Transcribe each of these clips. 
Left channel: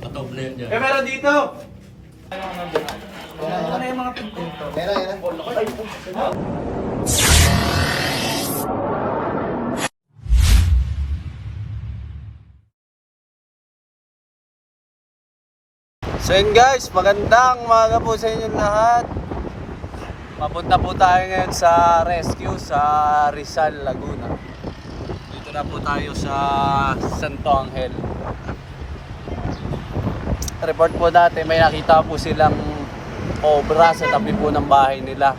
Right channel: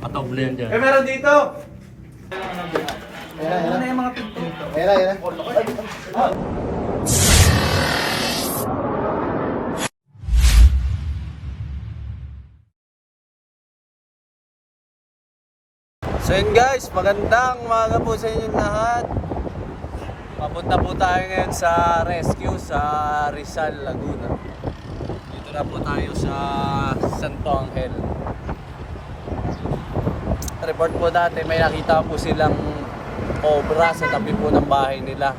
Patoble yan dyan. Eh, meron dito! Ano yung mga pinto? Yan. So yun guys, magandang umaga po sa inyong lahat. Papunta po tayo ngayon sa rescue sa Rizal, Laguna. Dito na po tayo sa Santo Angel. Report po dati, may nakita po silang obra sa tabi po ng bahay nila.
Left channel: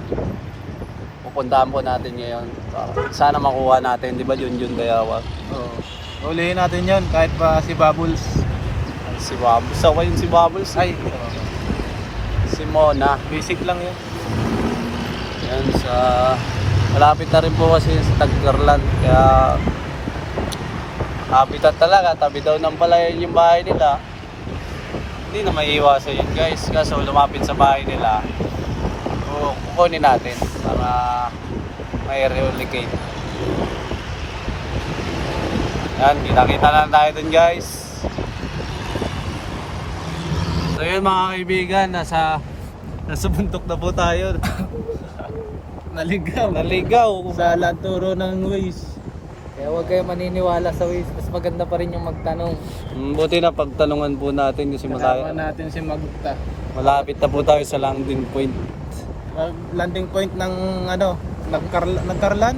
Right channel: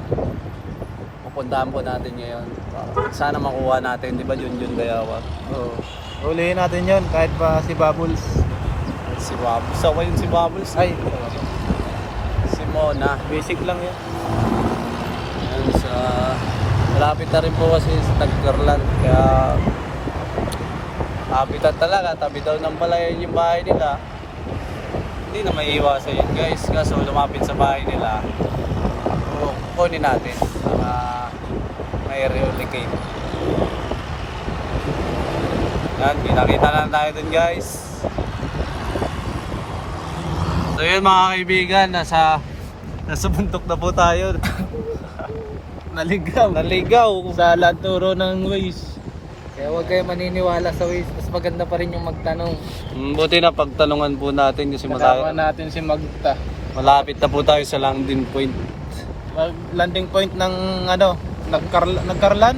Pupuntahan po natin ngayon. Sana makuha natin, di ba Junjun Dayawa? Oo. Ulihin natin yon kahit pa si Bubbles. Si Bubbles, ako yun si Bubbles. Ay, Si Mona. basic lang yan. Yan sa malapit na rin po kasi sa Taggarland, kaya habitat talaga, tabi daw ng palayan yung bahay nila. Hindi na maiiwasan yun guys, kaso lumapit sa bahay nila, o kukunin natin para may relocate. Yan, kita-kita lang tayo dun guys. So yun mga kaibigan, nasa bundok na po tayo. Naligaw Sa turo ng Waze. Kaya huwag kayo maniniwala sa Waze. Mas maganda pa rin yung magtanong. Buti na pagtanungan po natin kasi Kasama natin si Magta. malapit na po tayo sa landing point. Landing point ng ano, nagkarlan?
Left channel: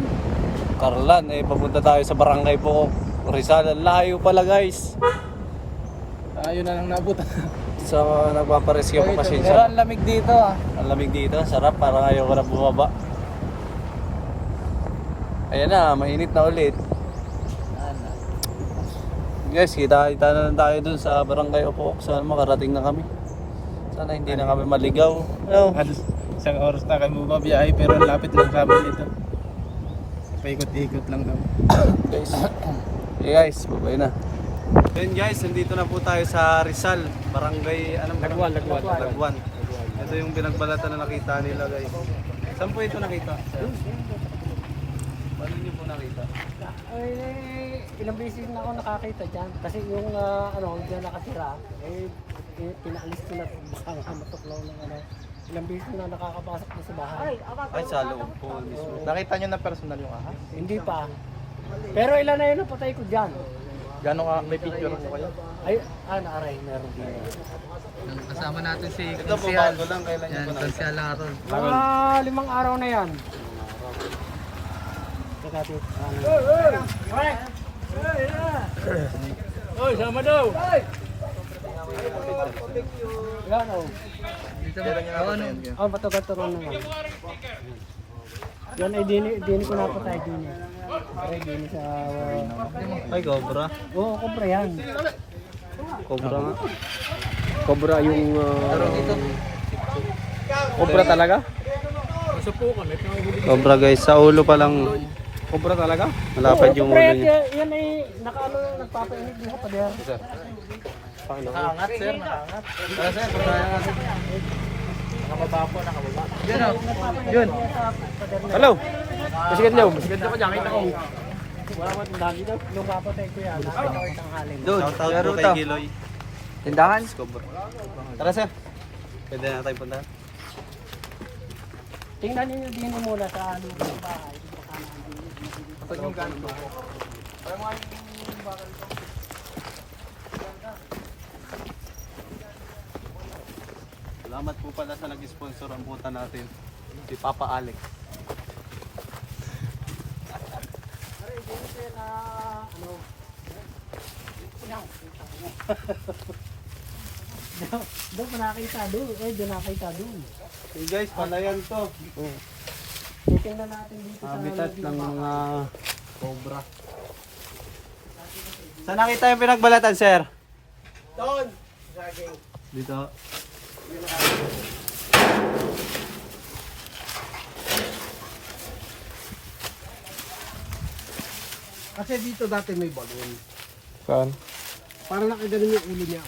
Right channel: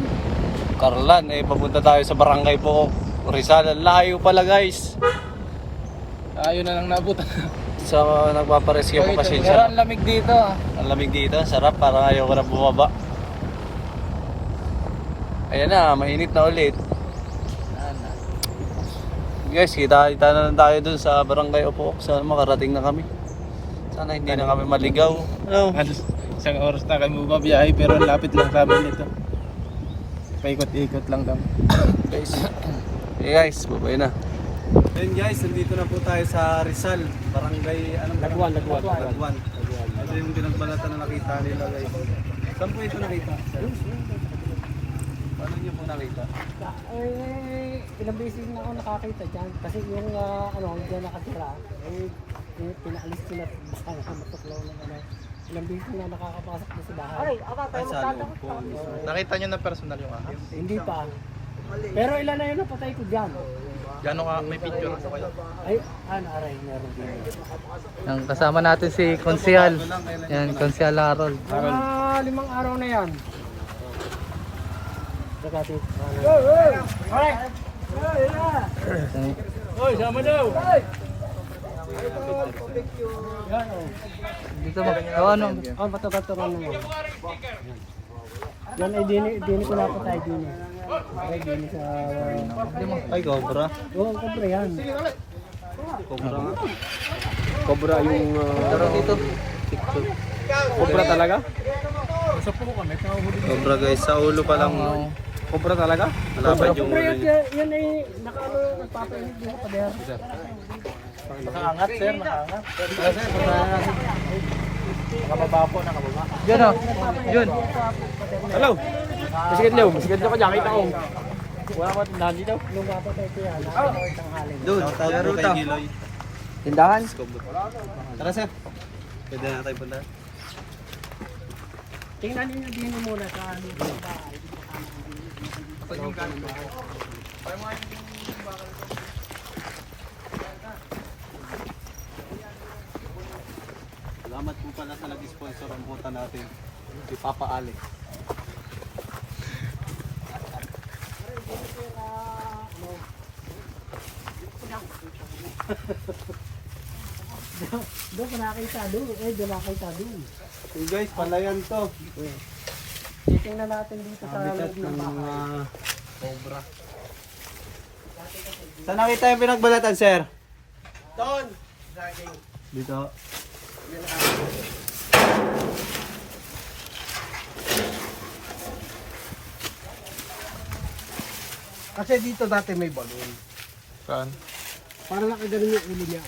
Carlan, papunta tayo sa barangay po Rizal. Ang layo pala guys. Ayun na lang nabutan. So nagpaparescue po kasi Pero siya. ang lamig dito ah. Ang lamig dito, sarap, parang ayaw ko na bumaba. Ayan na, mainit na ulit. Guys, kita na lang tayo dun sa barangay Opo. Sana makarating na kami. Sana hindi na kami maligaw. No. Isang oras na kami bumabiyahe pero ang lapit lang kami nito. Paikot-ikot lang kami. Guys, guys, bye-bye na. Then guys, nandito na po tayo sa Rizal, barangay, anong Lagwan. Ito yung pinagbalatan na nakita nila guys. Saan po ito nakita? Paano niyo po nakita? Ilang beses na ako nakakita dyan. Kasi yung dyan nakatira, pinaalis ko na baka nga matuklaw ng ilang beses na nakakapasok na sa bahay. Ay, sa loob po mismo. Nakita nyo na personal yung ahas? Hindi pa. Pero ilan na yun ang patay ko dyan. Gano'n ka, may picture mo kayo? Ay, naaray, meron din. Ang kasama natin si Konsyal. Yan, Konsyal Harold. 5 araw na yan. Dati, Oy, sama daw! Dito ba? matugat-tugan na yan. Yan ay dini ko napatay dini. Aray, dini sa... Ay, cobra. Oo, kobra yan. Cobra. Cobra yung... Taro dito. Cobra talaga? Isa po kami, nakahuli. Cobra guys, sa ulo pa lang. Cobra talaga? Malapad yung ulo Kobra niya. yan ay nagpapainit din sa pader. Nakaangat sir, nakaangat. Tara sir, puntahan natin. Nakababa po, nakababa. Diyan o. Yun. Hello. Masigat daw, masigat daw ka dyan. Kita ko. Nung kapatay ko yan, nakita ko isang halin. Shout out po kay Giloy. Tindahan? Cobra. Tara sir. Pwede na tayo punta. Tingnan niyo din muna sa bahay. Salamat po pala sa nag-sponsor ang puta natin. Si Papa Alex. Doon ko nakita doon. Doon nakita doon. Hey guys, palayan to. Tingnan natin dito sa Habitat ng mga cobra. Saan nakita yung pinagbalatan, sir? Doon! Dito. Kasi dito dati may balon. Saan? Parang nakaganon yung ulo niya.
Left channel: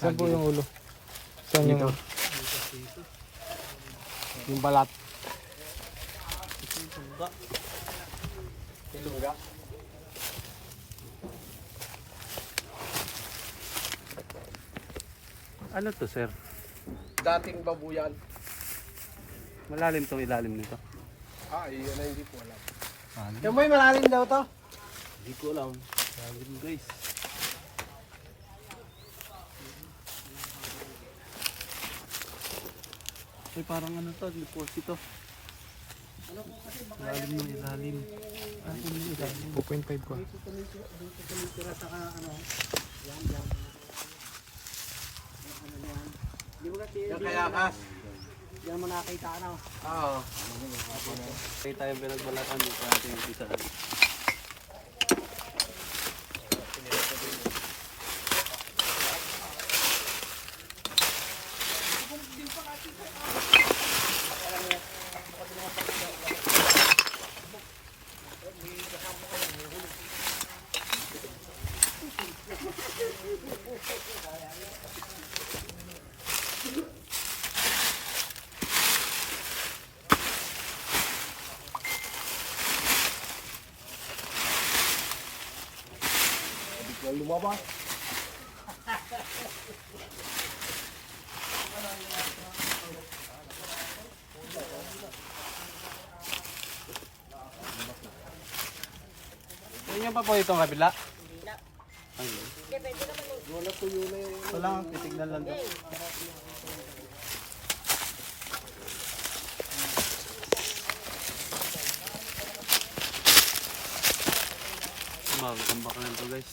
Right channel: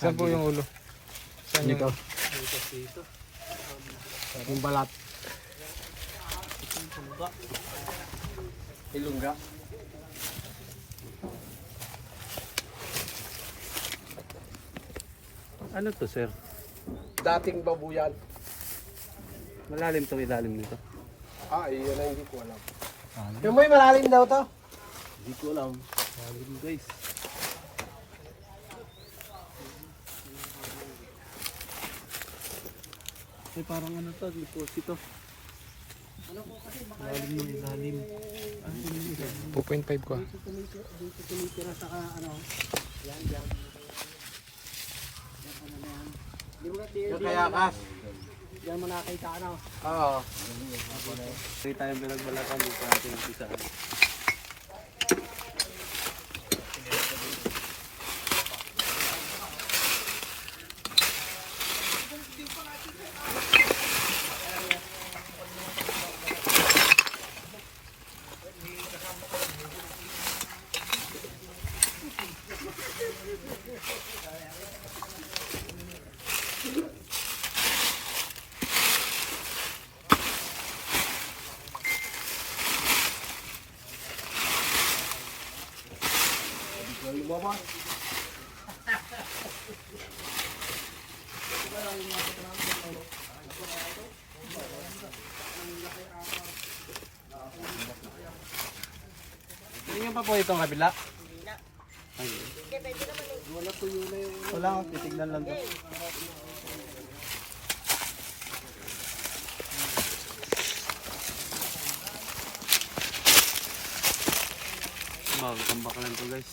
Saan po yung ulo? Saan Dito. Yung balat. Ilungga. Ano to, sir? Dating babuyan. Malalim tong ilalim nito. Yun na hindi ko alam. Malalim. Yung may malalim daw to? Hindi ko alam. Malalim, guys. Parang ano to, deposito. Malalim ng ilalim. 2.5 ko. Dito tumitira saka ano, yan. Yan ano yan. Di mo kasi, Yung kayakas. yan mo nakita ano. Oo. Kita yung pinagbalatan dito natin yung isa. Lumabas. Ganyan pa po itong kabila? Ay, wala, titignan lang to. Magkambak lang to, guys.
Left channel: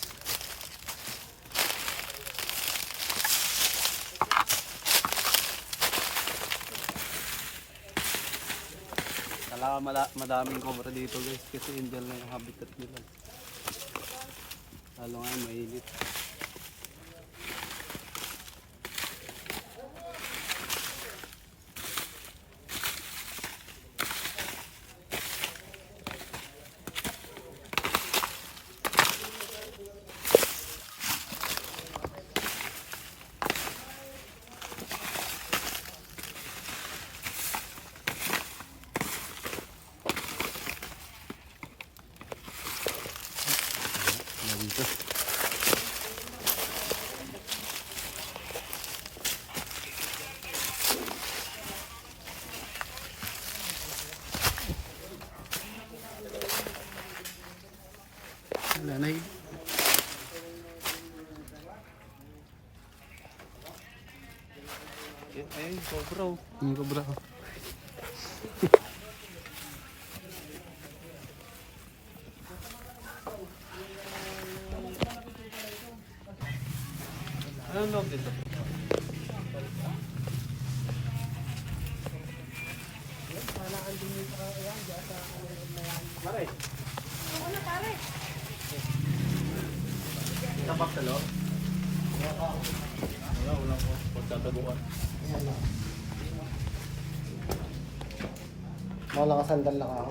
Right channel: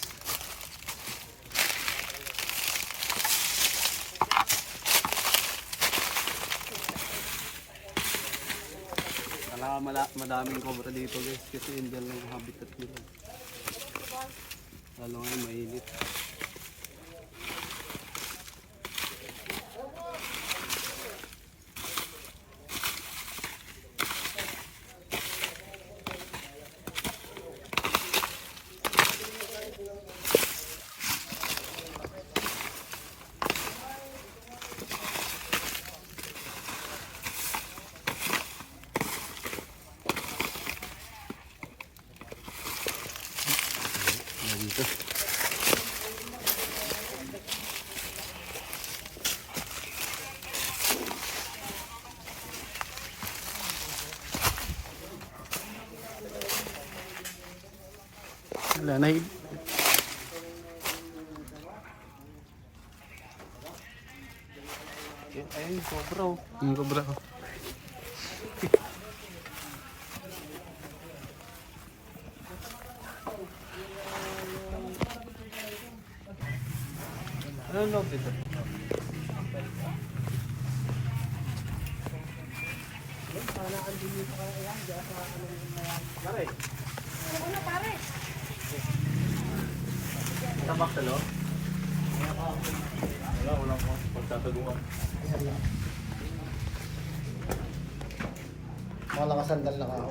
Kailangan madaming cobra dito, guys, kasi indian lang yung habitat nila. Lalo ngayon mainit. Dito. Wala na yun. Ayun, cobra. Cobra. Anong loob dito? Tabak sa loob? Wala ko. Pagtataguan. Wala ka sandal na ako.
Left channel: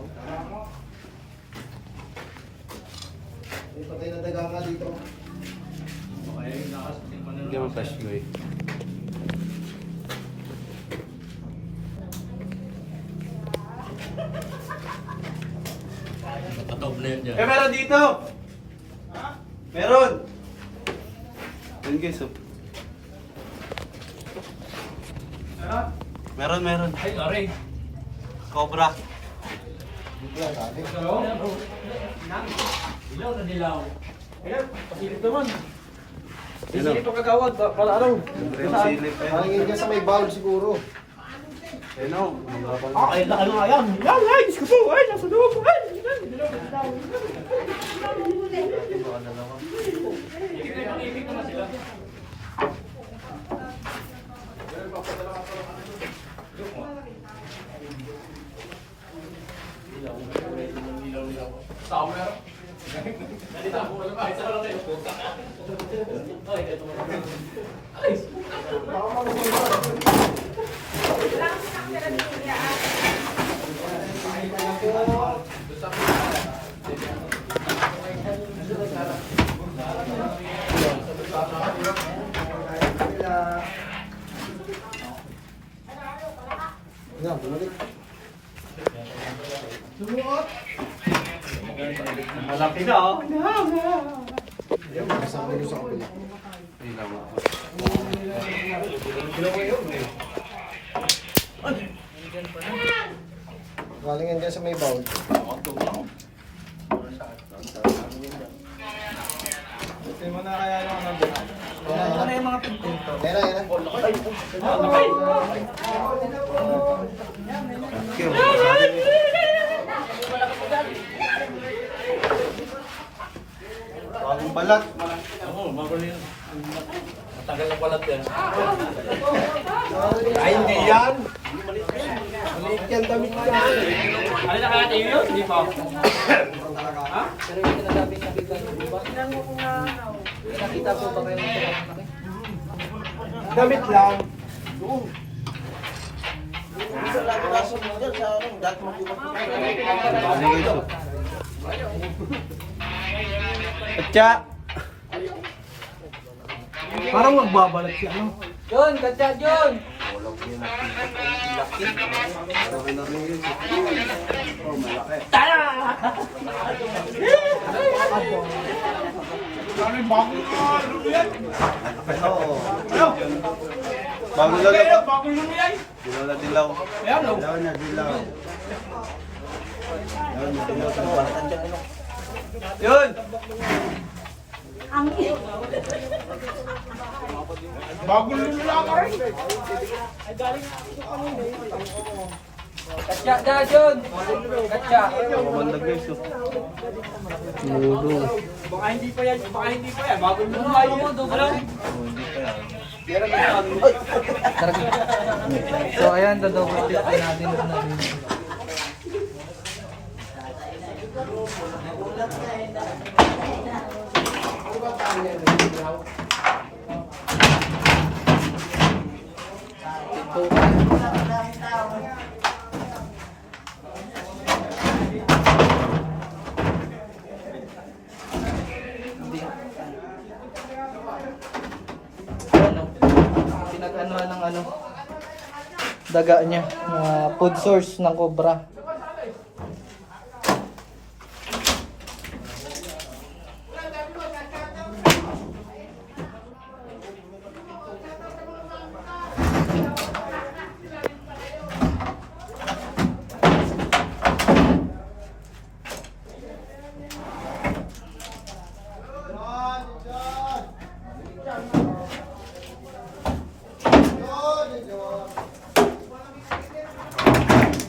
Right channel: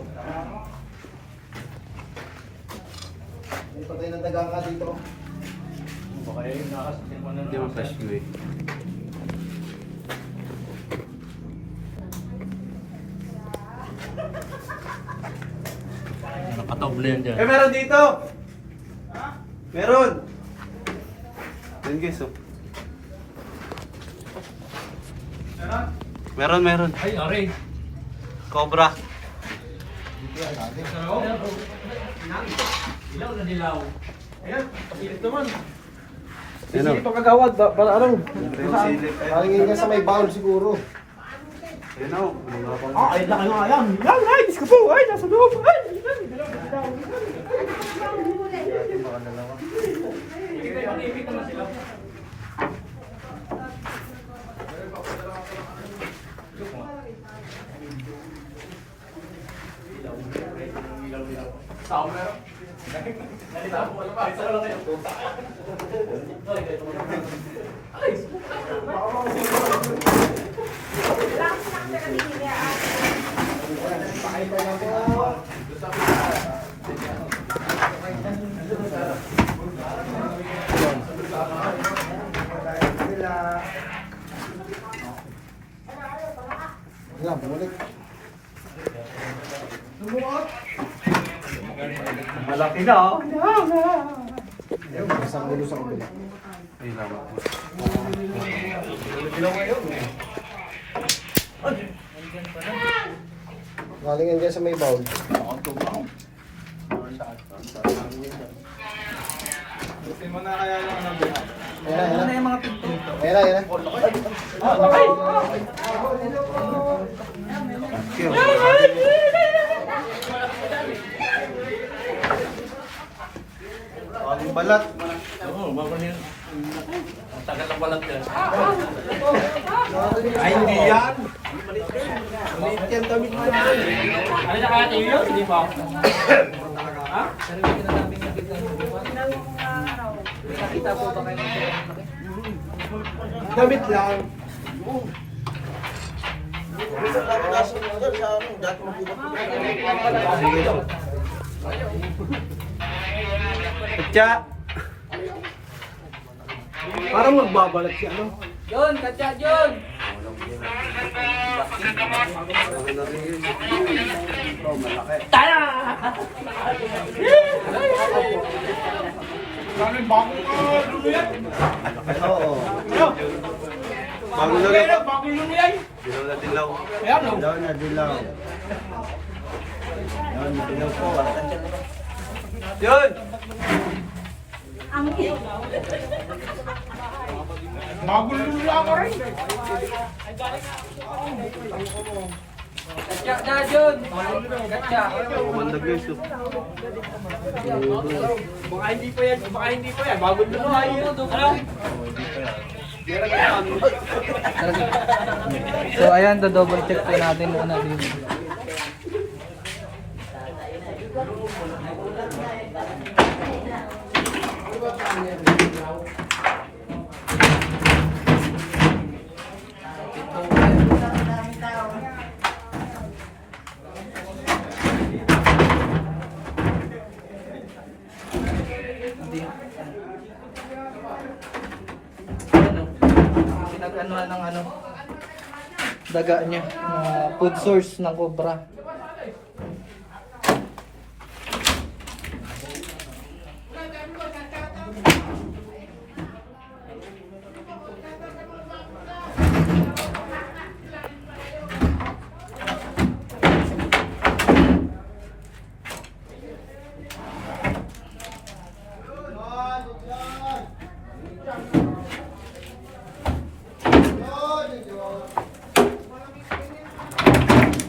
May patay na daga ka dito. Hindi mo touch mo eh. Meron dito! Meron! Yun guys, oh. Meron. Ay, aray! Cobra. Ilaw na dilaw. Ayan, pasilip naman. Pasilip pa kagawad, ano? Yung silip. Palingin ka sa may bound siguro. Ayun oh. Ay, laki nga yan. Ay, Diyos ko po. Ay, nasa loob. Ay, Baka dalawa. Yan, bumalik. malaki na, oh. Isang bulo sa kapila. Ilaw. Galing yan dyan sa may bowl. Ano na yung mga pinto? Ayan na. Bagong balat. Tagal ng balat yan. Ay, hindi yan. Maliit yan damit mo. Ano na kaya tayo yun? Hindi pa. Damit lang. Tja! Parang magbabalat siya, ano? Yun, katya yun! Oo. Bago na lang. Dilaw na dilaw. Dilaw na dilaw. Dilaw na dilaw po. Yun! Katya yun! Katya! Kumandag yun ito. Baka hindi pa yan, bagong luluhay yun. Ano? So ayan, double check po natin muna din. Pinag-anuhan ng daga niya, food source ng cobra.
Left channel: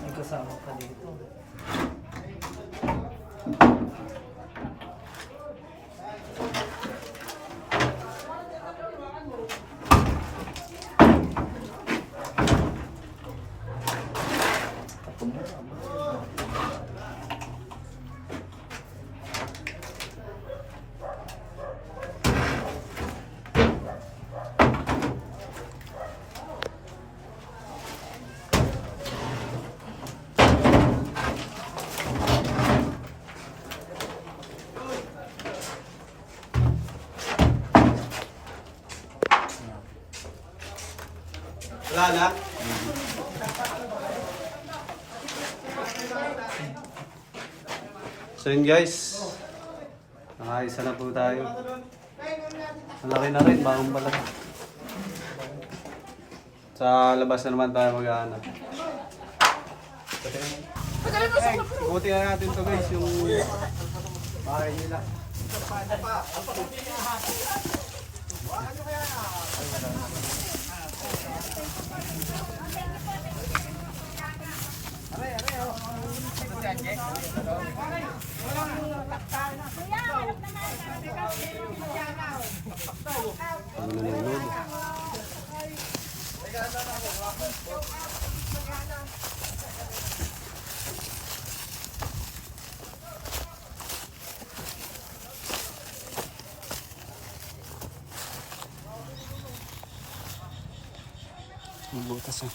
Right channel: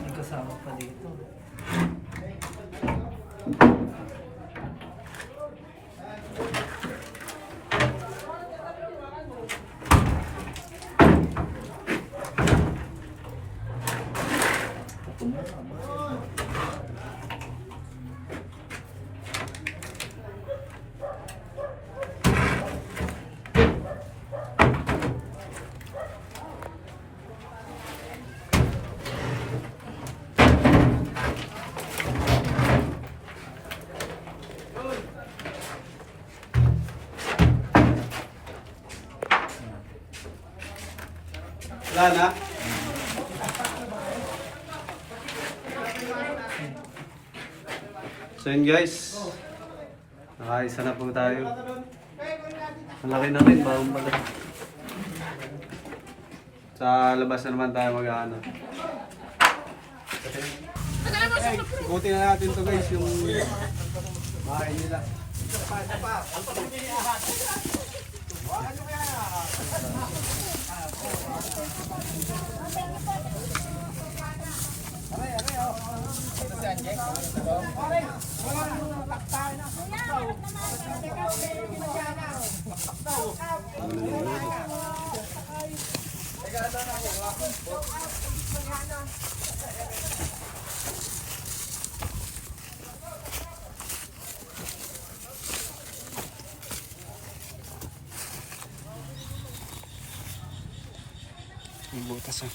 May kasama pa dito. Wala na. So yun guys. Nakaisa na po tayo. Malaki na rin, bagong pala. Sa labas na naman tayo mag-ano. Ikuti na natin to guys, yung bahay nila. Yung butas ah.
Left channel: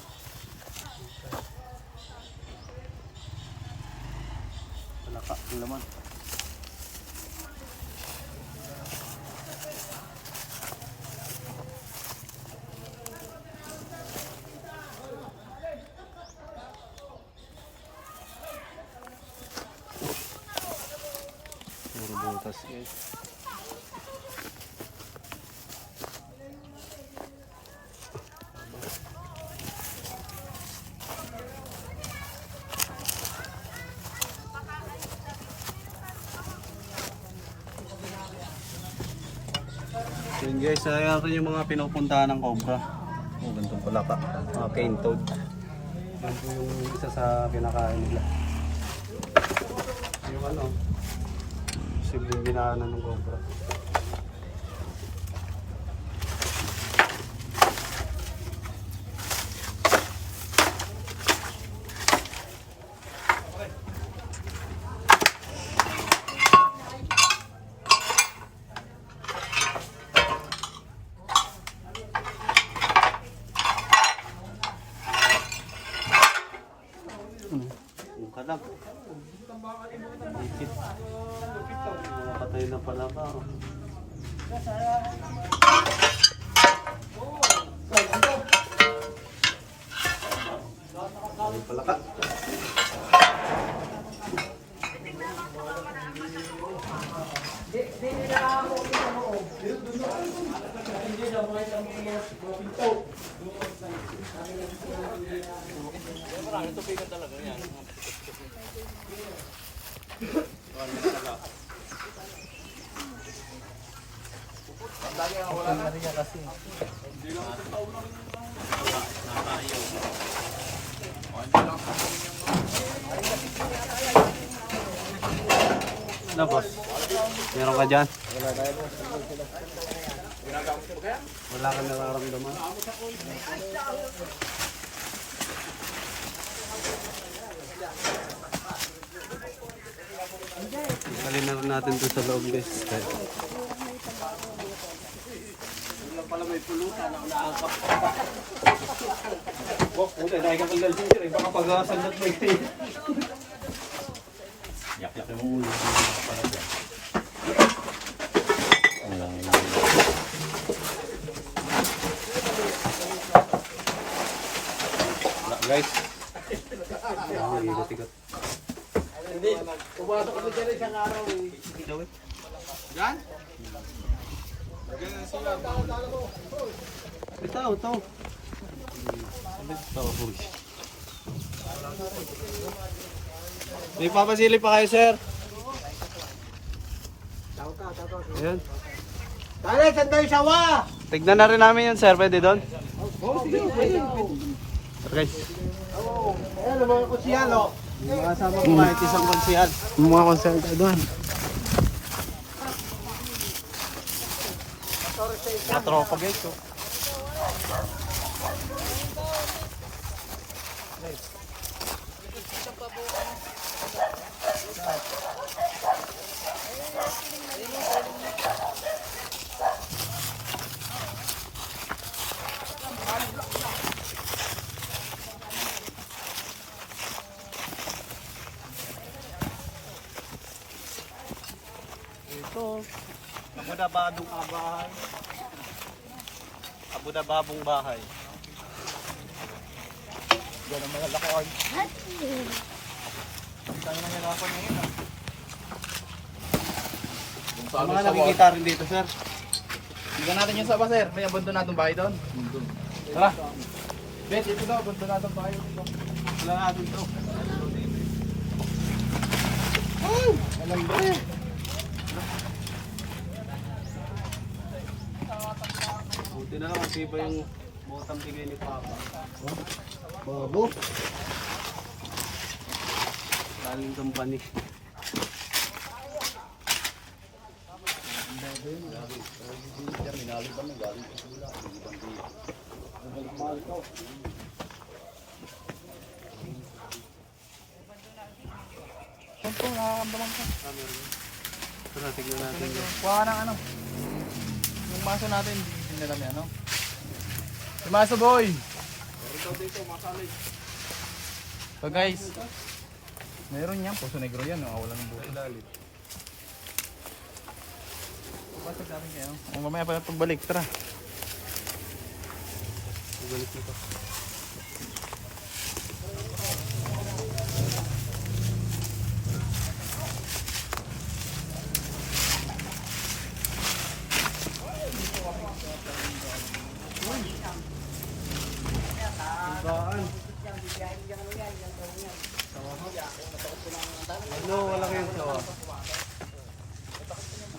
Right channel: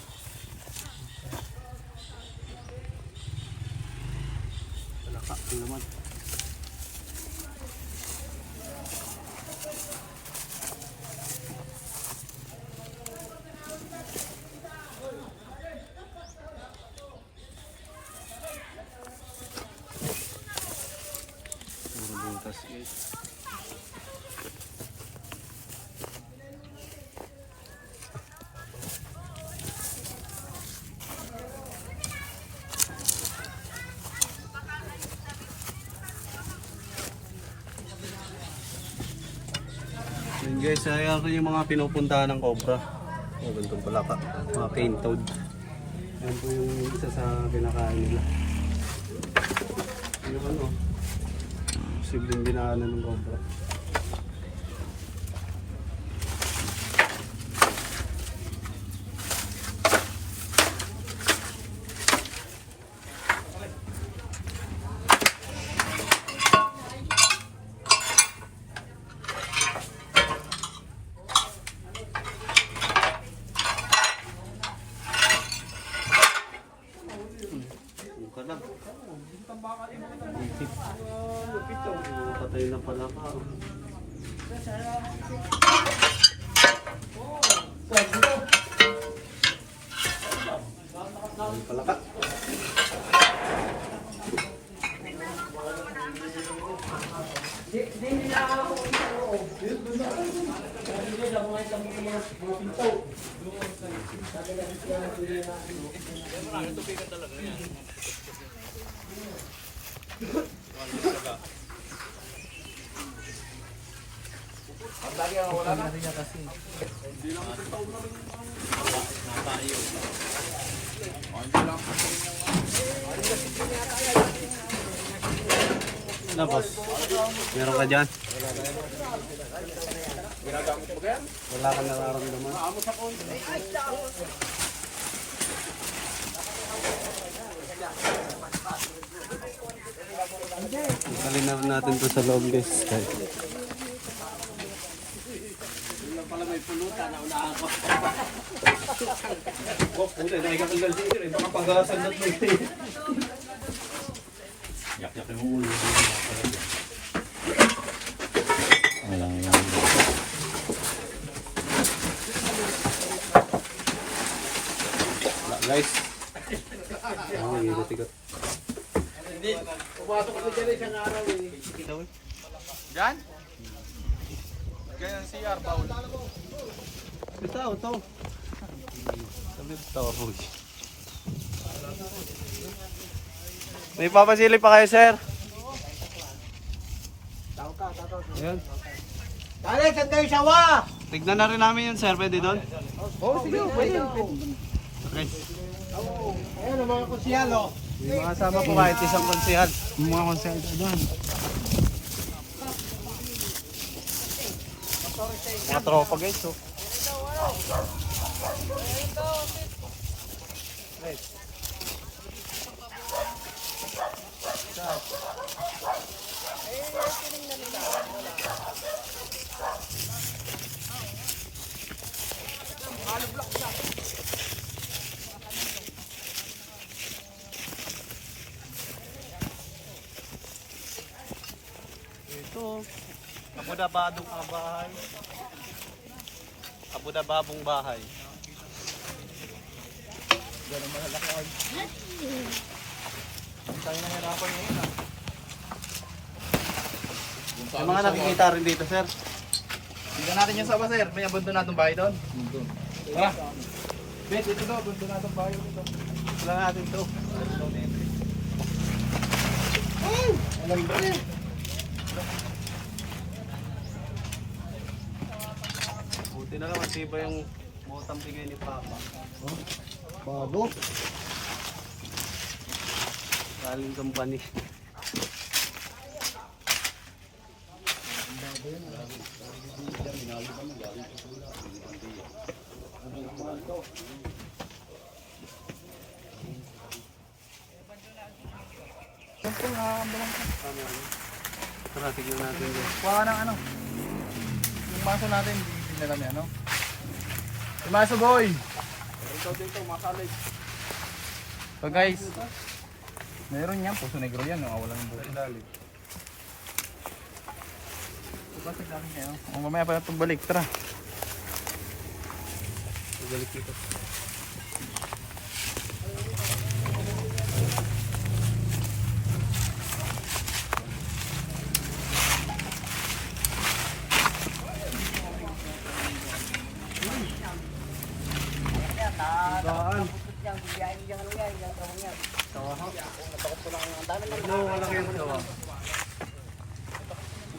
Talaka ang laman. Puro butas guys. Yun guys, ayan rin yung mga pinupuntahan ng cobra. Oh, ganito pala ka. Mga cane toad. Yan po yung isa sa kinakain nila. Yung ano, simpleng dinaanan ng cobra. Yung ka lang. Ipit. Patay na pala ka. Oh. Patay pala ka. Na boss, meron ka dyan? Wala kang nararamdaman? Isalin na rin natin ito sa loob guys. Wala pala may pulutan na unaangkak. Oh, puti na ikakagal dito eh. Baka pag-asan na ito eh. Yak-yak yung ulo. Walang guys. Ayan, ikot-ikot. Hindi. Pumasok ako dyan isang araw eh. Diyan? Ganyan si Arbaul. Ito. Tapos. May papasili pa kayo, sir? Ayan. Tara, saan tayo sawa? Tignan na rin namin yun, sir. Pwede doon? Oo, sige. Pwede. Guys, Ayan, ang mga kusyal o. yung mga kasama ko kahit isang konsihal. Mga konsel doon. Mga tropa guys, oh. Ito, abudabadong bahay. Abudababong bahay. Diyan ang malalaki oil. Tayo nang hirapan ngayon ah. Yung mga nakikita rin dito, sir. Tignan natin yung sawa, sir. May abundon natong bahay doon. Tara. Bet, ito na. Abundon natong bahay dito. Wala natin to. Alam ba eh. Buti na lang, kasi ba yung botang bigay ni Papa. Bago. Galing company. Tara, tignan natin yan. Kuha ng ano. Yung maso natin, hindi nila ni ano. Yung maso, boy! So guys, meron yan. Puso negro yan. Wala ng buto. Pupasag natin kayo. O mamaya pa pagbalik. Tara. Ibalik dito. Baan. No, walang yung sawa.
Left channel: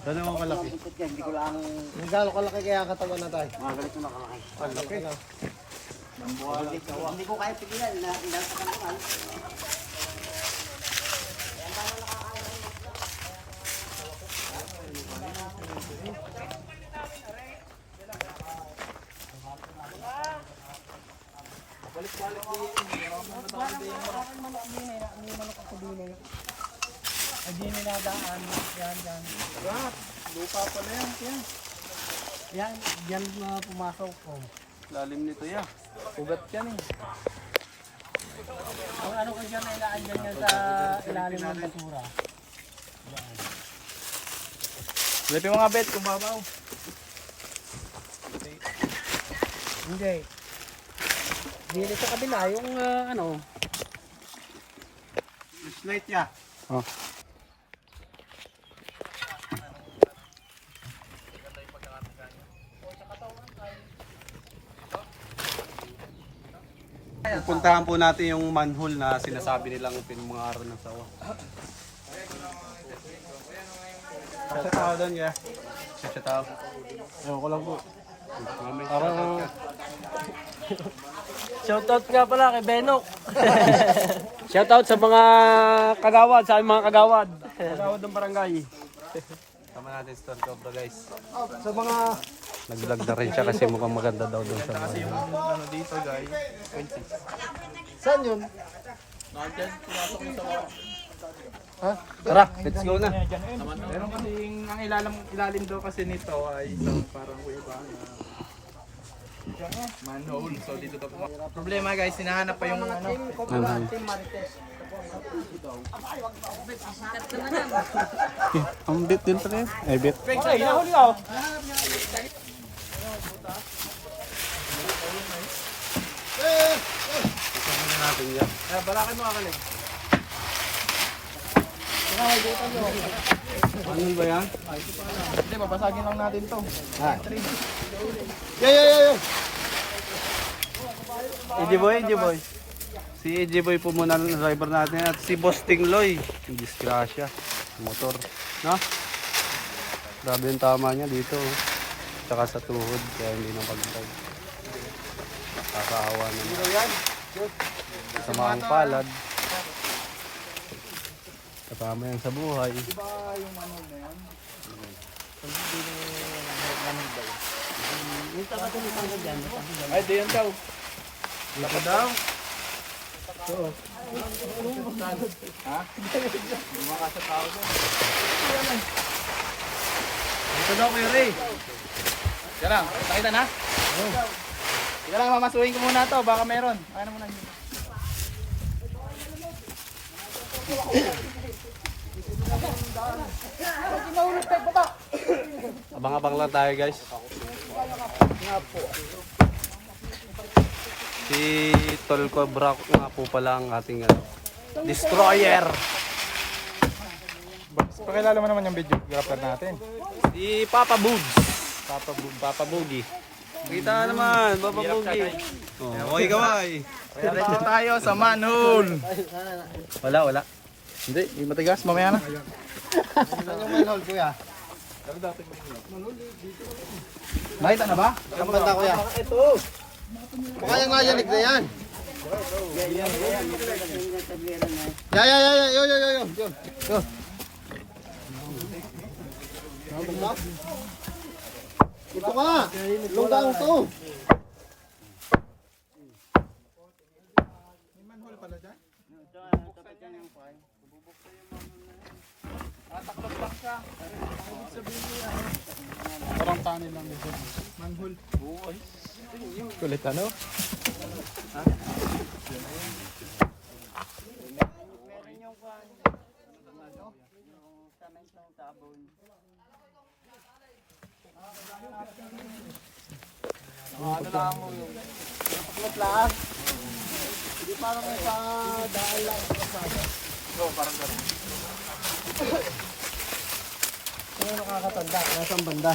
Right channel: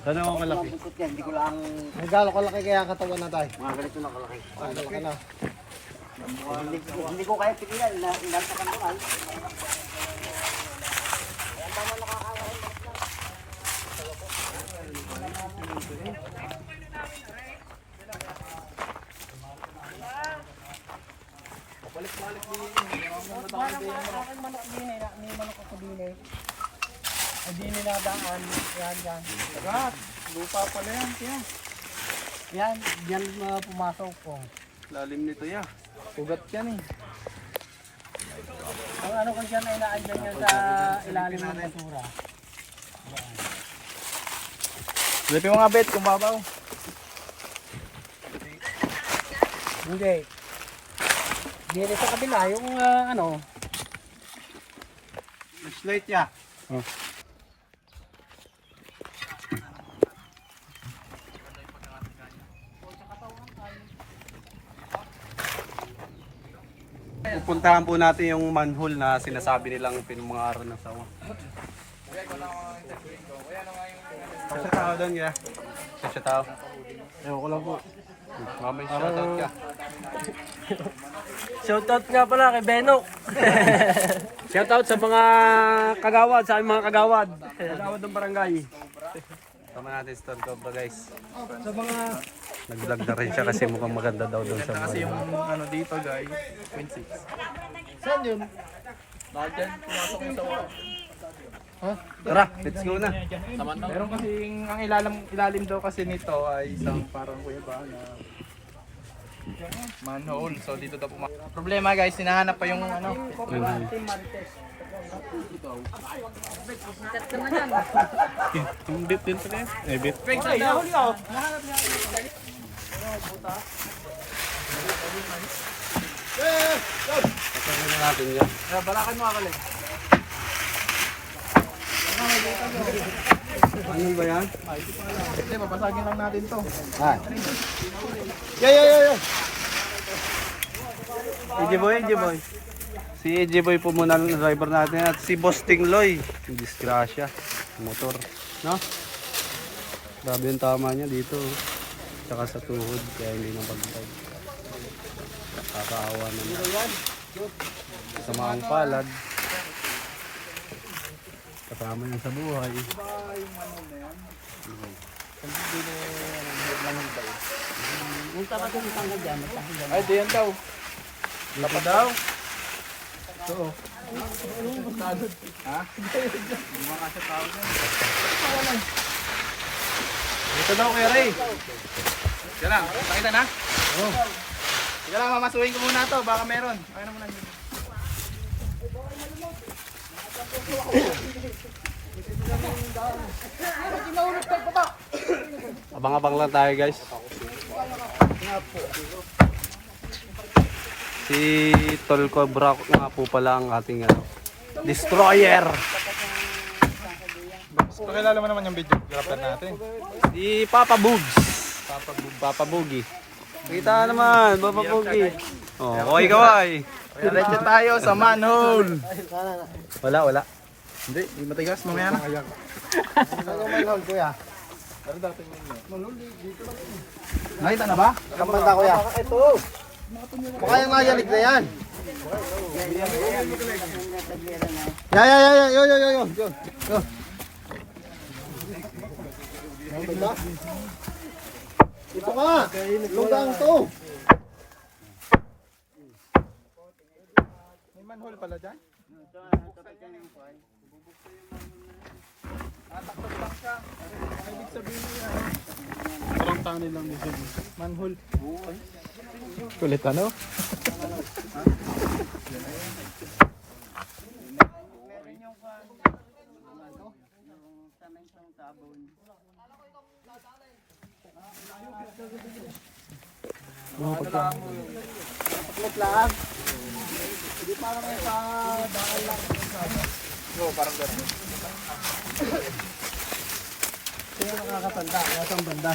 Sana mo kalaki. Hindi ko lang... Magkano kalaki kaya ang katawan na tayo? Mga galit na kalaki. Hindi ko kaya pigilan. Inantakan ko lang. May manok ako din eh. Ay, di niladaan. Yan. Lupa pala yan. Yan, yan pumasok po. Lalim nito ya. Ugat yan eh. Ang ano ko dyan ay naandyan yan sa ilalim ng basura. Lipin mo nga bet kung babaw. Hindi. Dito sa kabila, yung ano, Slate ya. Pupuntahan po natin yung manhole na sinasabi nilang pinangaral ng sawa. Sa tao doon ya. Sa tao. ewan ko lang po. Parang Shoutout nga pala kay Benok. Shoutout sa mga kagawad, sa aming mga kagawad. Kagawad ng barangay. tama natin store ko ba guys. Sa mga Nag-vlog na rin siya kasi mukhang maganda daw doon sa Kasi mga. yung ano dito guys, 0.6. saan yun? Nandyan, pumasok yung sawa. Tara, let's go na. Meron kasi ang ilalim daw kasi nito ay isang parang kuya na manhole. So dito daw problema guys, hinahanap pa yung ano. Team Marites. Ang bit din pala yun. Eh, bit. Kasama na natin yan. Balakan mo akalig. Ano ba yan? Hindi, babasagin lang natin to. Yo! EJ Boy. Si EJ Boy po muna ang driver natin at si Boss Tingloy. Disgrasya. Motor. No? Grabe yung tama niya dito. Tsaka sa tuhod. Kaya hindi nang pagtag. Nakakaawa naman. Sa maang palad. Kasama yan sa buhay. Ay, diyan daw. Dito daw. Dito daw Kuya Ray. Diyan lang, nakita na? Oo. Diyan lang, mamasuhin ko muna to, baka meron. Ano mo lang yun? Abang-abang lang tayo guys. Si Tol Cobra nga po pala ang ating destroyer. Pakilala mo naman yung video, grapper natin. Si Papa Bugs. Papa Bugi. Kita naman, Papa Bugi. Oh, okay kaway. Diretso tayo sa manhole. Wala. Hindi, yung matigas, mamaya na. Ano manhole kuya? Pero dati may yun. Nakita na ba? Ang banda kuya. Ito. Baka yung nga yanig na yan. Yo. Ito ka. Lunggang to. May manhole pala dyan? Parang tanin lang dito. Manhole. Kulit ano? Ano lang mo yun. Paklit lang. Hindi parang may sa daan lang. Oo, parang gano'n. Sino nakakatanda? Nasang banda?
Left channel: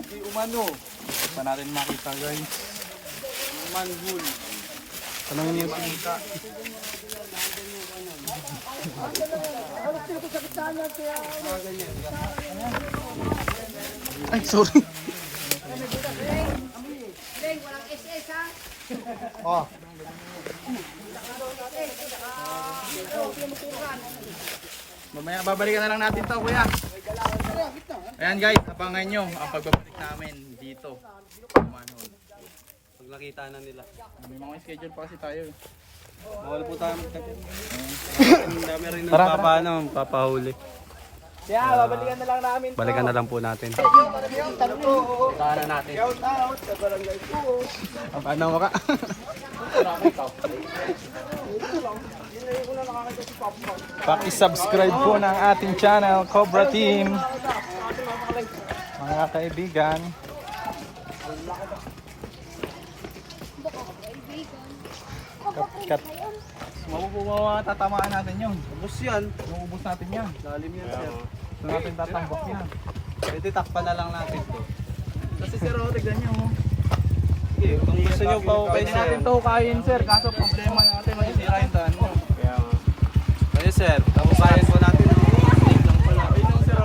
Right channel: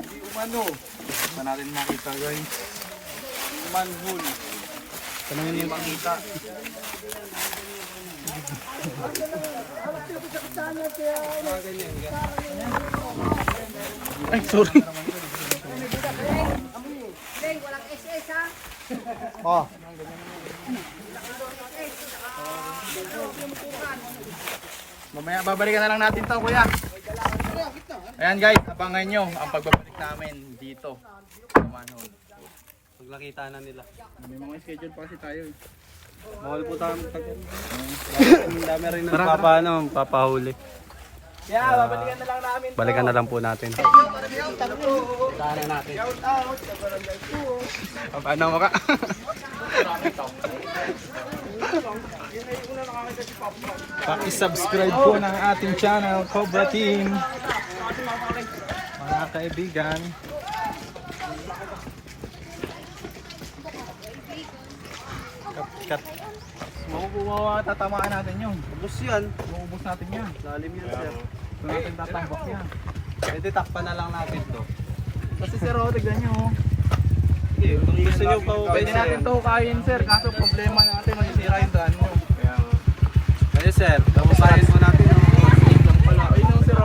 Hindi umano. Pa natin makita guys. Yung manhole. Tanongin Hindi mo. makita. Ay, sorry. Mamaya babalikan na lang natin to, kuya. Ayan guys, abangan nyo ang pagbabalik namin dito sa manhole. Pag nakita na nila. May mga schedule pa kasi tayo. Bawal po tayo magtagal. Ang dami rin papahuli. Yeah, babalikan na lang namin. Balikan na lang po natin. Puntahan na natin. Paano mo ka? Paki-subscribe po ng ating channel, Cobra Team. Mga kaibigan. Cut. Tatamaan natin yun. Ubus yan. Maubos natin yan. Lalim yan, sir. Ito natin tatambak yan. Pwede takpan na lang natin to. Kasi sir, tignan nyo. Sige, kung gusto nyo pa Pwede natin to hukayin sir, kaso problema natin masisira yung daan nyo. Pwede sir, kamukayan po natin. Stick lang pala. Ayun yung sir.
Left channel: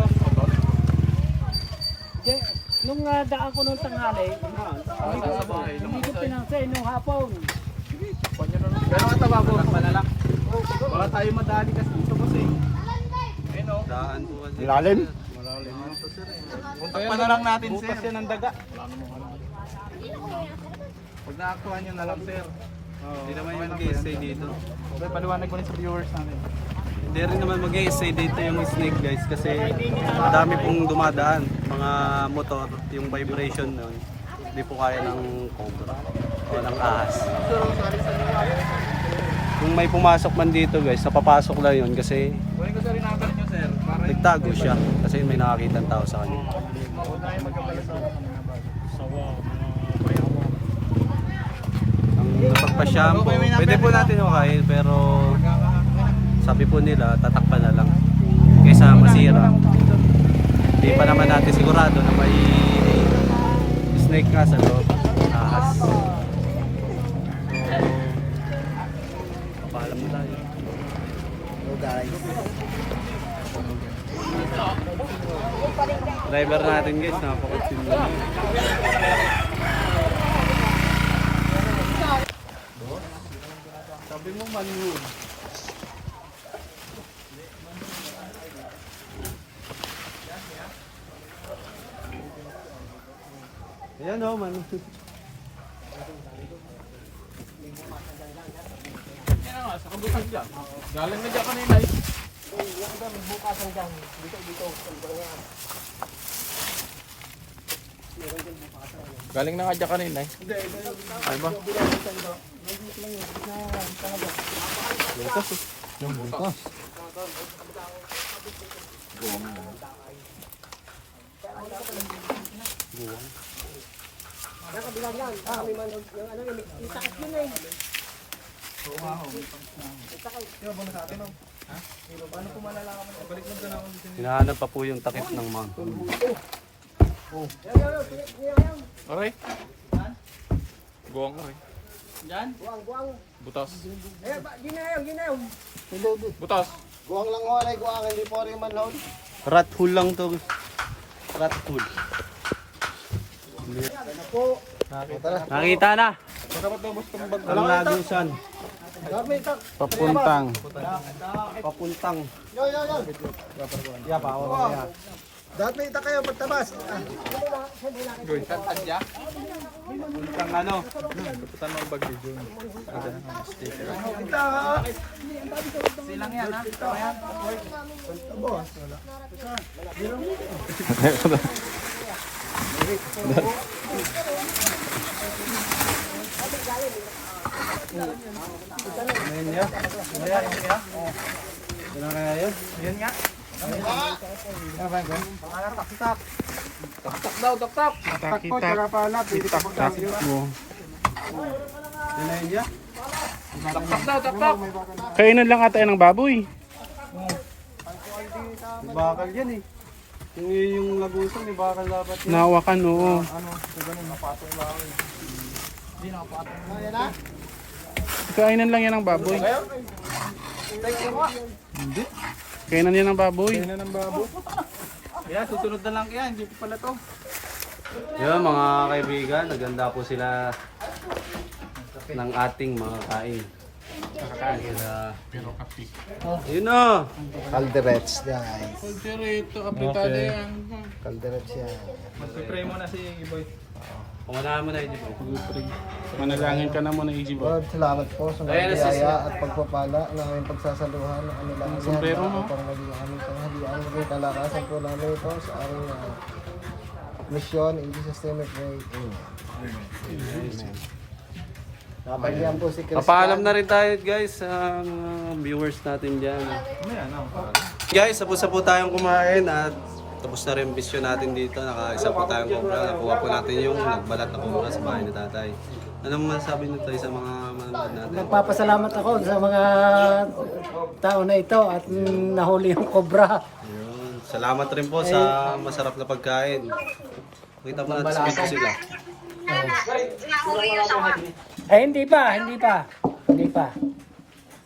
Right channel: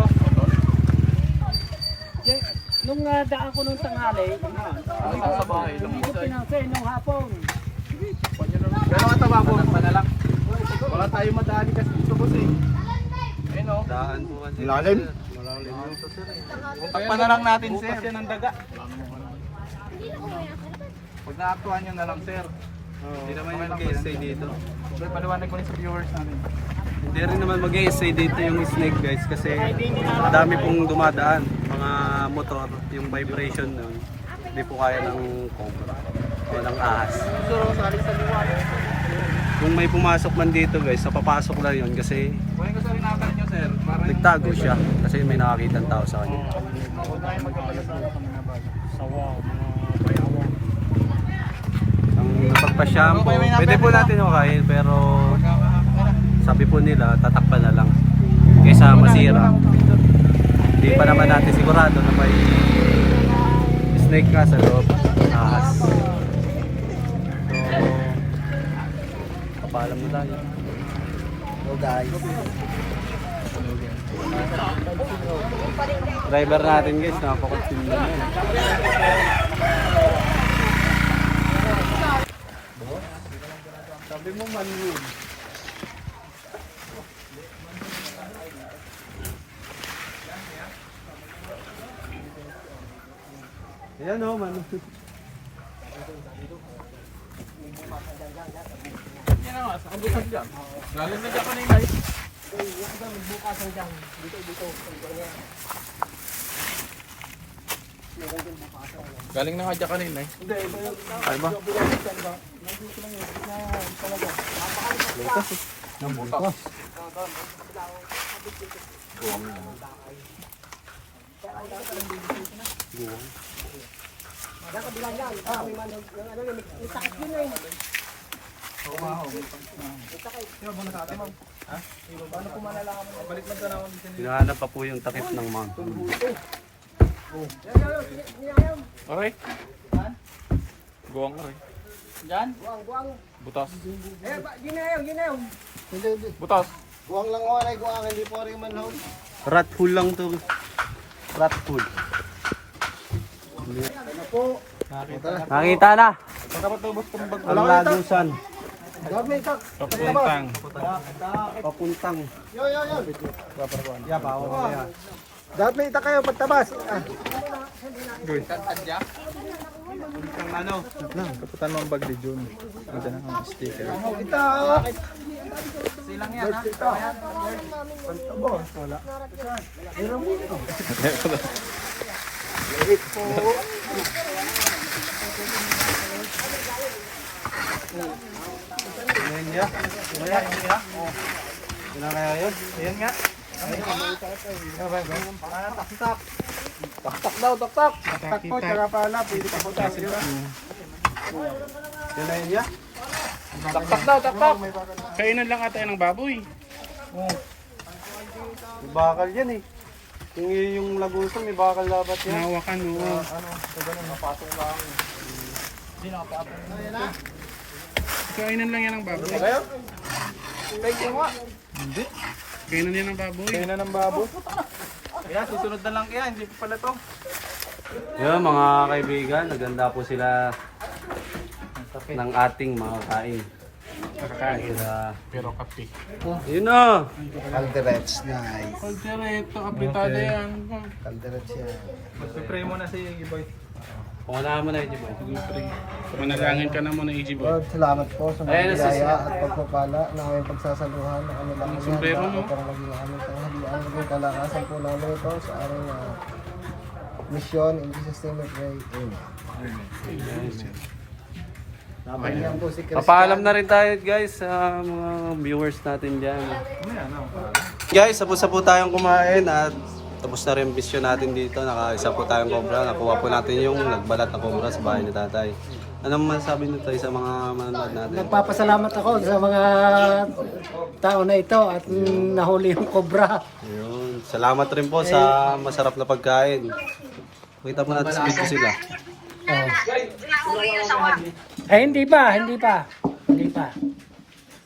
Nung daan ko nung tanghali, Sa bahay, hindi ko pinansin nung hapon. Pero mataba po. Wala tayo madali kasi dito po sing. Ayun o. Daan po kasi. Lalim. Malalim to sir. Takpan na lang natin sir. Bukas yan ang daga. Pag naaktuhan nyo na lang sir. Hindi naman yung mag-i-stay dito. Okay, paliwanag ko rin sa viewers natin. Hindi rin naman mag-i-stay dito yung snake guys kasi madami pong dumadaan. Mga motor, yung vibration nun. Hindi po kaya ng cobra o ng ahas. Sir, sali sa liwanag. Kung may pumasok man dito guys, napapasok lang yun kasi Kuhin ko sa rinatan nyo sir. Para nagtago siya kasi may nakakita ng tao sa kanya. Huwag tayo magkapala sa kami na bago. Sawa, mga bayawan. Ang napagpa-shampoo, pwede po natin hukayin pero sabi po nila tatakpan na lang kaysa masira. Hindi pa naman natin sigurado na may snake nga sa loob, ahas. So, papaalam mo tayo. Hello guys. Driver natin guys, napakatsin na. Sabi mo man yun. Ayan o, man. Galing na dyan kanina. Galing na nga dyan kanina eh. Ay ba? Bukas eh. Nang butas. Buwang. Oo nga ho. Sino ba sa atin ma'am? Ha? Paano po malalaman mo? Balik lang ka na ako dito. Hinahanap pa po yung takip ng manghole. Aray? Buwang aray. Diyan? Buwang. Butas. Ginayaw. Butas. Guwang lang ho, ay guwang, hindi po rin manhole. Rat hole lang to. Rat hole. Nakita na. Pagkapatubos kong bag. Ang lagusan. Papuntang. Papuntang. Yo. Yeah, pa ako niya. Dapat may ita kayo pagtabas. Tadya. Papuntang ano? Kapitan ng bag ni Jun. Sticker. Silang yan ha? Ayan. Ano niya? Maya yung kaya? Oo. Kailan kaya yun? Ayan nga. Ano ba yun? Pangalan tak-tak. Tak-tak daw, tak-tak. Tak-tak po, tsaka pala. Pwede ka po daw yun. Yun na yun niya? Tak-tak daw, tak-tak. Kainan lang ata yan ng baboy. May bakal yan eh. Kung yun yung lagusan, may bakal dapat yan. Nahawakan oo. Ano, so ganun, napato lang. Hindi nakapato. Kainan lang yan ng baboy. Hindi. Kainan yan ng baboy. Kainan ng baboy. Kaya susunod na lang kaya, hindi pa pala to. Yun mga kaibigan, naganda po sila ng ating mga kain. Nakakain. Sila, Pero kapi. yun na! Calderets, guys. Kalderito, apitado yan. Calderets yan. Mag-pray mo na si Iboy. Pangunahan mo na yun. Manalangin ka na muna, Iboy. Lord, salamat po sa mga Ayun, biyaya at pagpapala na aming pagsasaluhan ng kanilang sombrero mo. para maging aming tanghalian. Maging kalakasan po namin ito sa aming mission. In Jesus' name we pray. Amen. Napakinggan po si Chris. Papaalam na rin tayo guys sa mga viewers natin dyan. Guys, tapos na po tayong kumain at tapos na rin yung mission natin dito. Nakaisa po tayong cobra. Nakuha po natin yung nagbalat na cobra sa bahay ni tatay. Anong masasabi nyo tayo sa mga manonood natin? Nagpapasalamat ako sa mga tao na ito at nahuli yung cobra. Ayun. Salamat rin po sa masarap na pagkain. Kita po natin sa video sila. Hindi pa.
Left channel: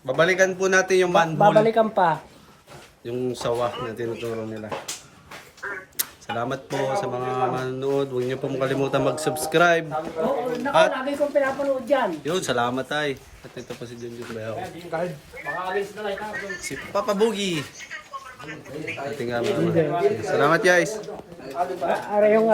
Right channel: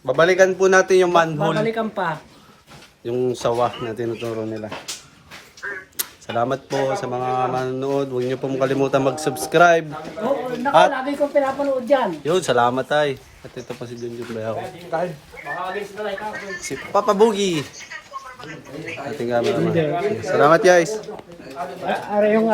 Babalikan po natin yung manhole. Babalikan pa. Yung sawa na tinuturo nila. Salamat po sa mga manonood. Huwag niyo po makalimutan mag-subscribe. Lagi kong pinapanood yan. Yun, salamat tay. At ito po si Junjun Bayaw. Si Papa Boogie. Ating cameraman. Salamat guys. Ara yung